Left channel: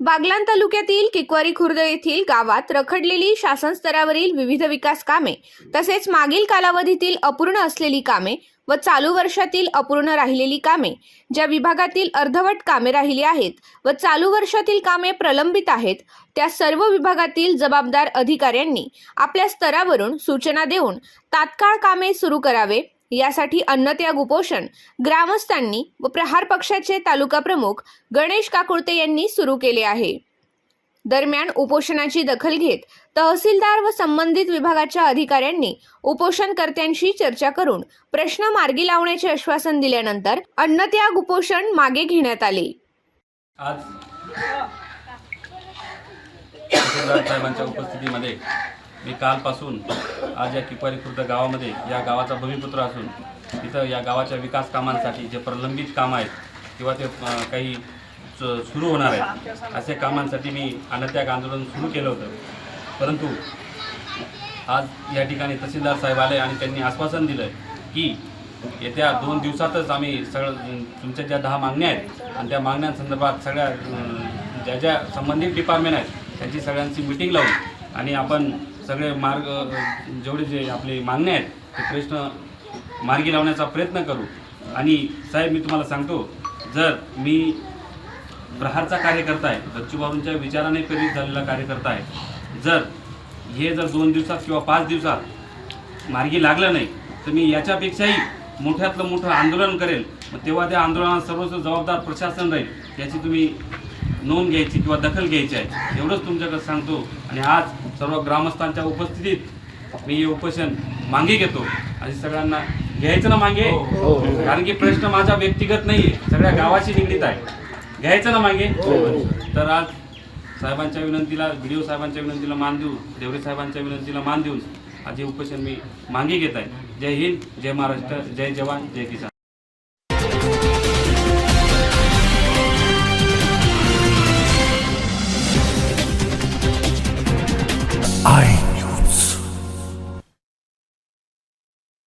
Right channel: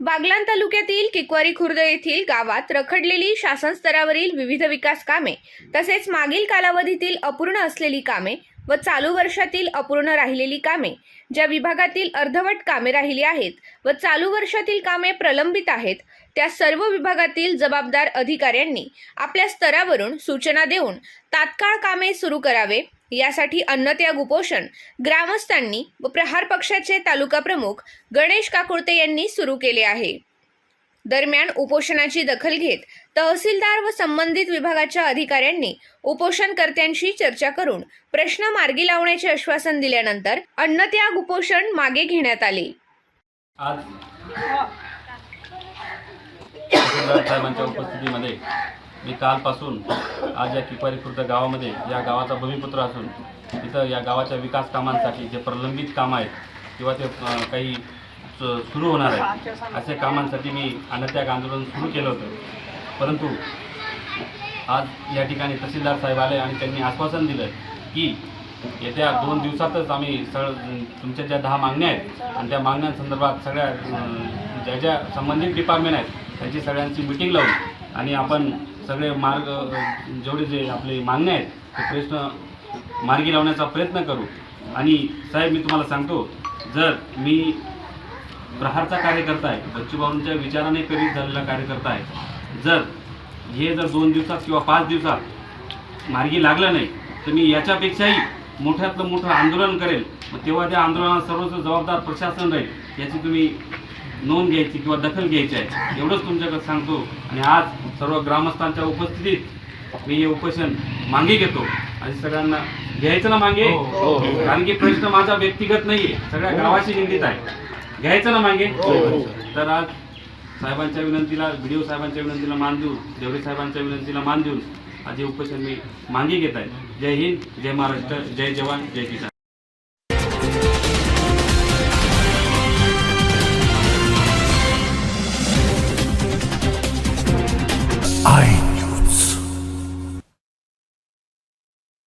बागलाण तालुक्यातील किकवारी खुर्द येथील गावात रखडलेली शासन स्तरावरील विविध विकास कामे तसेच मागील कालावधीतील अपूर्ण असलेली कामे व चालू वर्षातील अपूर्ण राहिलेली कामे ज्या विभागातील अर्धवट कामे राहिली आहेत व चालू वर्षातील कामे प्रलंबित आहेत त्या सर्व विभागातील जबाबदार अधिकाऱ्यांनी आपल्या स्तरावरून सूचना देऊन तात्काळ कामे सुरू करावे यासाठी अन्नत्याग उपोषण. ग्रामस्थांनी व प्रहार पक्षाचे तालुका प्रमुख गणेश काकुळते यांनी सुरू केले आहे. दरम्यान उपोषणाची दखल घेत तहसीलदार व संबंधित विभागाच्या अधिकाऱ्यांनी उपोषणकर्त्यांशी चर्चा करून प्रश्न मार्गी लावण्याचे आश्वासन दिल्यानंतर अन्नत्याग उपोषण मागे घेण्यात आले. आज साहेबांच्या उपस्थितीमध्ये मी कालपासून आज या किपारी खुर्द गावामध्ये या गावाचा भूमिपुत्र असून तिथं या गावाच्या विकास कामांसाठी जे प्रलंबित कामं आहेत किंवा ते काही सुरू होणार आहेत अशा कामांसाठी मी अनत्याग आंदोलन सुरू केलं होतं. परंतु आज या ठिकाणी तहसीलदार साहेब आले आणि त्यांनी आश्वासन दिलं की येत्या दोन दिवसातच आम्ही सगळं तुमच्या ज्या दहा मागण्या आहेत आणि त्या मागण्यांसंदर्भात सगळ्या ज्या ज्या संबंधित डिपार्टमेंट आहेत त्यांची सगळ्यांची मिटिंग लावून आणि आपण सगळे मार्ग जेवढे जे आपले मागणे आहेत ते प्रश्न मार्गी लावण्याचा प्रयत्न करू. आणि साहेब मी तुम्हाला सांगतो जर मी प्रहारचा कार्यकर्ता आहे बच्चूभाऊंच्या विचाराने प्रेरित झालेला कार्यकर्ता आहे जर हे जर दोन दिवसात किंवा पाच दिवसात मार्गी लागलं नाही तर मी याच्यापेक्षाही मोठ्यातलं मोठं आंदोलन करेल. मग तेव्हा त्या आंदोलनात सर्वच जबाबदार प्रशासन राहील याची तुम्ही नोंद घ्यायची किंवा दखल घ्यायची आहे. एवढंच तुमच्याकडे सांगतो. आणि आज सर्व ग्रामस्थांच्या उपस्थितीत मी हे उपोषण मागे घेतो. आणि सगळ्यांना घ्यायचं ना मागे? कारण की प्रश्न माझा व्यक्तिगत नाही आहे सगळ्या गावाशी निगडीत आहे. घ्यायचं ना मागे? तर आज साहेबांच्या विनंतीला व्हिडिओ साहेबांच्या विनंतीला मान देऊन देवरे साहेबांच्या विनंतीला मान देऊन आज हे उपोषण मी मागे घेत आहे. जय हिंद जय महाराष्ट्र जय जवान जय किसान. I